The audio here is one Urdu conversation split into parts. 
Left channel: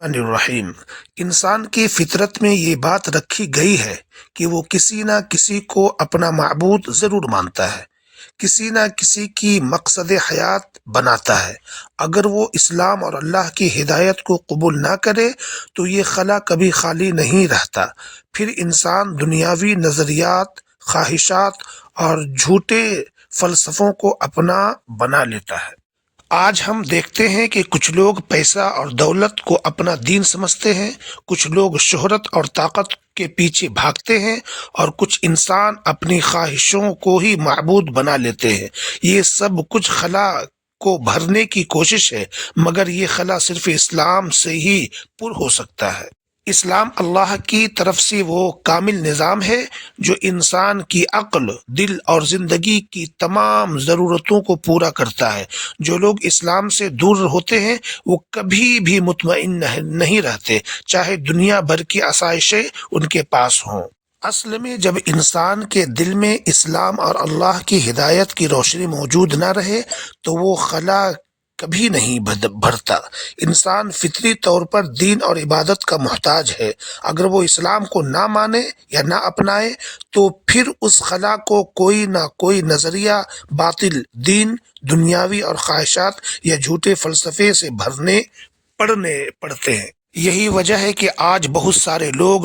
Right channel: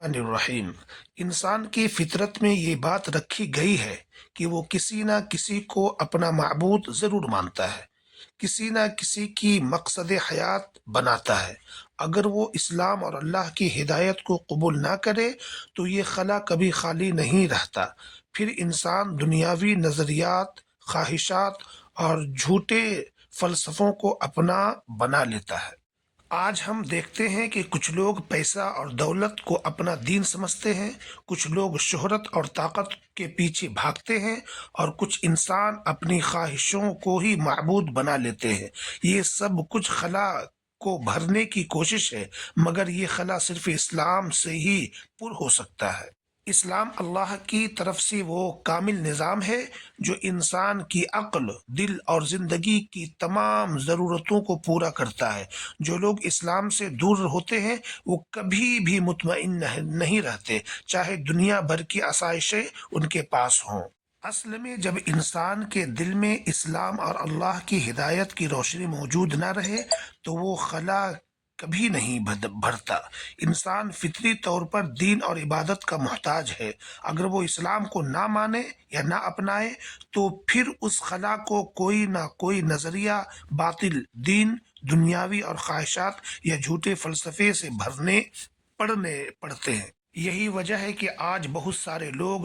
الرحیم۔ انسان کی فطرت میں یہ بات رکھی گئی ہے کہ وہ کسی نہ کسی کو اپنا معبود ضرور مانتا ہے، کسی نہ کسی کی مقصد حیات بناتا ہے۔ اگر وہ اسلام اور اللہ کی ہدایت کو قبول نہ کرے تو یہ خلا کبھی خالی نہیں رہتا۔ پھر انسان دنیاوی نظریات، خواہشات اور جھوٹے فلسفوں کو اپنا بنا لیتا ہے۔ آج ہم دیکھتے ہیں کہ کچھ لوگ پیسہ اور دولت کو اپنا دین سمجھتے ہیں، کچھ لوگ شہرت اور طاقت کے پیچھے بھاگتے ہیں، اور کچھ انسان اپنی خواہشوں کو ہی معبود بنا لیتے ہیں۔ یہ سب کچھ خلا کو بھرنے کی کوشش ہے، مگر یہ خلا صرف اسلام سے ہی پر ہو سکتا ہے۔ اسلام اللہ کی طرف سے وہ کامل نظام ہے جو انسان کی عقل، دل اور زندگی کی تمام ضرورتوں کو پورا کرتا ہے۔ جو لوگ اسلام سے دور ہوتے ہیں وہ کبھی بھی مطمئن نہیں رہتے، چاہے دنیا بھر کی آسائشیں ان کے پاس ہوں۔ اصل میں جب انسان کے دل میں اسلام اور اللہ کی ہدایت کی روشنی موجود نہ رہے تو وہ خلا کبھی نہیں بھرتا۔ انسان فطری طور پر دین اور عبادت کا محتاج ہے۔ اگر وہ اسلام کو نہ مانے یا نہ اپنائے تو پھر اس خلا کو کوئی نہ کوئی نظریہ، باطل دین، دنیاوی اور خواہشات یا جھوٹے فلسفے سے بھرنے پڑتے ہیں۔ یہی وجہ ہے کہ آج بہت سارے لوگ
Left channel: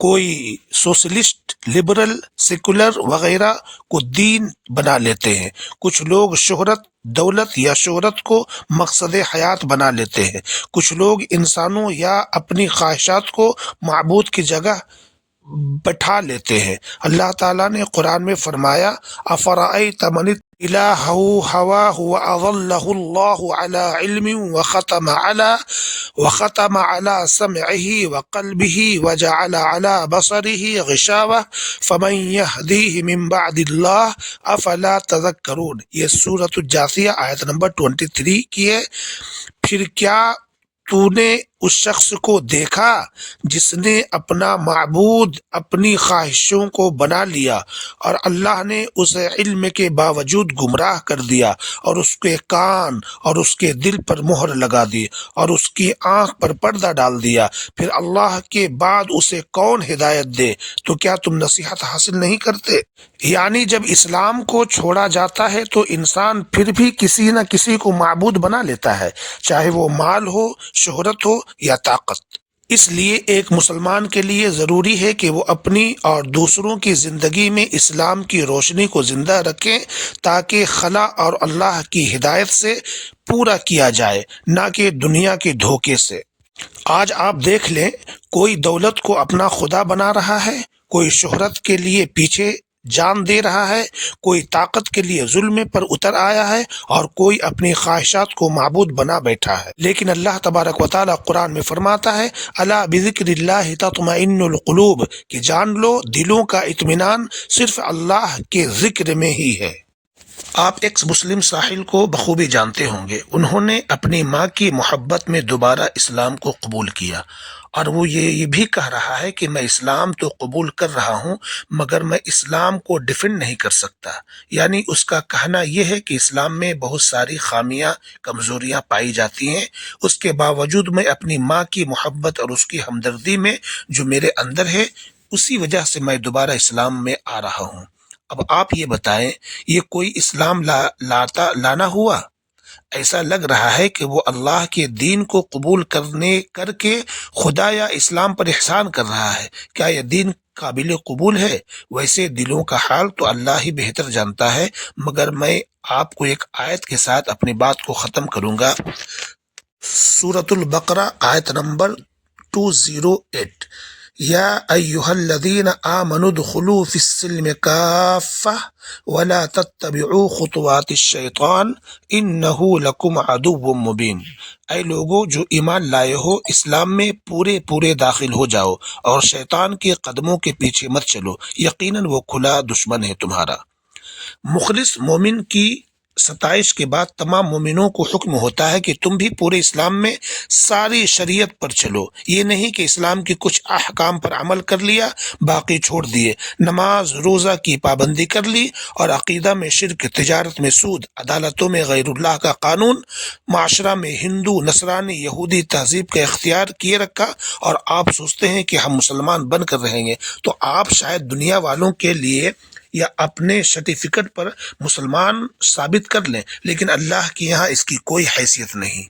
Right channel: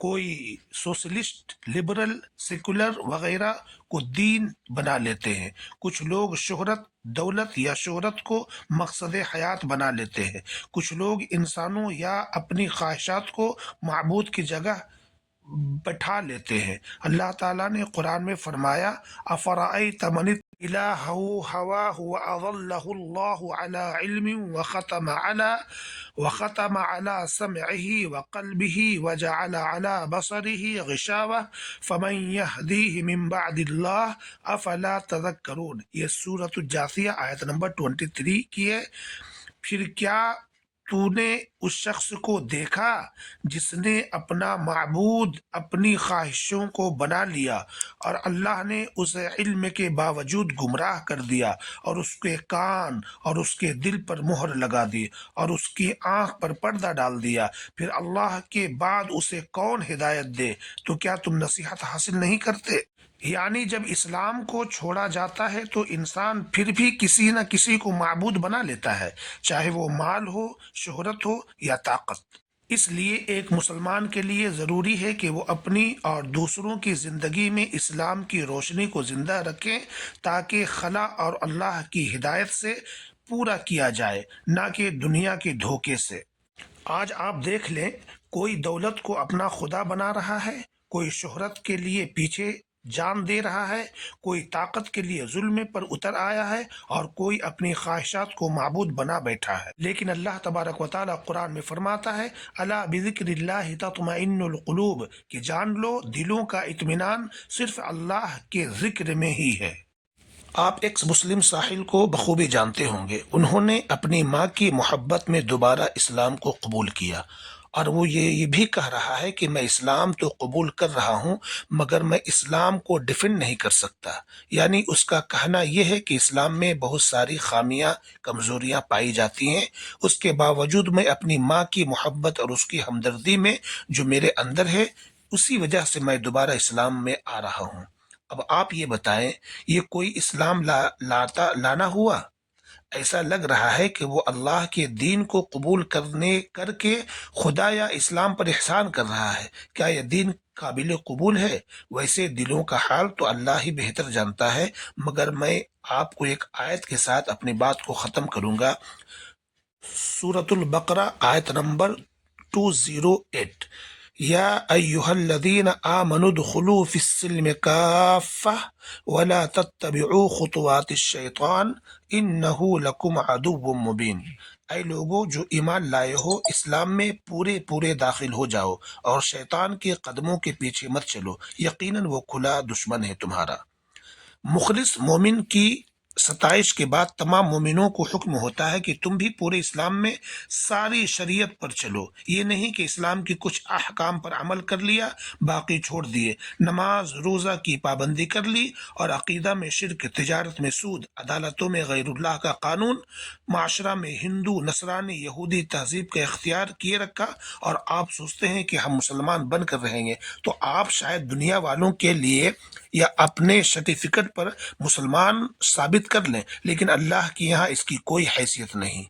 کوئی سوشلسٹ، لبرل، سیکولر وغیرہ کو دین بنا لیتے ہیں۔ کچھ لوگ شہرت، دولت یا شہرت کو مقصد حیات بنا لیتے ہیں۔ کچھ لوگ انسانوں یا اپنی خواہشات کو معبود کی جگہ بٹھا لیتے ہیں۔ اللہ تعالیٰ نے قرآن میں فرمایا، افرأیت من الہ ہواہ واضلہ اللہ علی علم وختم علی سمعہ وقلبہ وجعل علی بصرہ غشاوہ فمن یہدیہ من بعد اللہ افلا تذکرون۔ یہ سورۃ الجاثیہ آیت نمبر 23 کی ہے۔ پھر کیا تو نے اس شخص کو دیکھا جس نے اپنا معبود اپنی خواہشوں کو بنا لیا اور اللہ نے اسے علم کے باوجود گمراہ کر دیا، اور اس کے کان اور اس کے دل پر مہر لگا دی اور اس کی آنکھ پر پردہ ڈال دیا، پھر اللہ کے بعد اسے کون ہدایت دے؟ تو کیا تم نصیحت حاصل نہیں کرتے؟ یعنی جب اسلام کو چھوڑا جاتا ہے تو انسان پھر بھی کسی نہ کسی کو معبود بنا لیتا ہے، چاہے وہ مال ہو، شہرت ہو یا طاقت۔ اس لیے ایک مسلمان کے لیے ضروری ہے کہ وہ اپنی اور دوسروں کی زندگی میں اسلام کی روشنی کو زندہ رکھیں تاکہ خلا اور اللہ کی ہدایت سے پورا کیا جائے، نہ کہ دنیا کے دھوکے سے۔ آج آپ دیکھ لیں، کوئی دولت کو اپنا خدا بنا رہا ہے، کوئی شہرت کے لیے پیچھے جان دے رہا ہے، کوئی طاقت کے لیے ظلم پر اتر آیا ہے، اور کوئی اپنی خواہشات کو معبود بنا بیٹھا ہے۔ لیکن اللہ تبارک و تعالیٰ قرآن میں فرماتا ہے، الا بذکر اللہ تطمئن القلوب، کہ جان لو دلوں کا اطمینان صرف اللہ کے ذکر میں ہی ہے۔ آپ ایکس مسلم ساحل کو بخوبی جانتے ہوں گے۔ انہوں نے اپنی ماں کی محبت میں دوبارہ اسلام کو قبول کیا، اور وہ یہ بھی کہہ رہا ہے کہ میں اسلام تو قبول کر رہا ہوں مگر میں اسلام کو ڈیفینڈ نہیں کر سکتا۔ یعنی اس کا کہنا یہ ہے کہ اسلام میں بہت ساری خامیاں، کمزوریاں پائی جاتی ہیں، اس کے باوجود میں اپنی ماں کی محبت اور اس کی ہمدردی میں جو میرے اندر ہے، اسی وجہ سے میں دوبارہ اسلام میں آ رہا ہوں۔ اب آپ یہ بتائیں، یہ کوئی اسلام لانا ہوا؟ ایسا لگ رہا ہے کہ وہ اللہ کے دین کو قبول کر کے خدا یا اسلام پر احسان کر رہا ہے۔ کیا یہ دین قابل قبول ہے؟ ویسے دلوں کا حال تو اللہ ہی بہتر جانتا ہے، مگر میں آپ کو ایک آیت کے ساتھ اپنی بات کو ختم کروں گا۔ سورۃ البقرہ آیت نمبر 208، یا ایہا الذین آمنوا ادخلوا فی السلم کافہ ولا تتبعوا خطوات الشیطان انہ لکم عدو مبین۔ اے لوگو جو ایمان لائے ہو، اسلام میں پورے داخل ہو جاؤ اور شیطان کے قدموں کے پیچھے مت چلو، یقیناً وہ کھلا دشمن ہے تمہارا۔ مخلص مومن کی 27 کے بعد تمام مومنوں کو حکم ہوتا ہے کہ تم بھی پورے اسلام میں ساری شریعت پر چلو، یہ نہیں کہ اسلام کے کچھ احکام پر عمل کر لیا باقی چھوڑ دیے، نماز روزہ کی پابندی کر لی اور عقیدہ میں شرک، تجارت میں سود، عدالتوں میں غیر اللہ کا قانون، معاشرہ میں ہندو نصرانی یہودی تہذیب کا اختیار کیے رکھا، اور آپ سوچتے ہیں کہ ہم مسلمان بن کر رہیں گے، تو آپ شاید دنیا والوں کے لیے یا اپنے سرٹیفکیٹ پر مسلمان ثابت کر لیں، لیکن اللہ کے یہاں اس کی کوئی حیثیت نہیں۔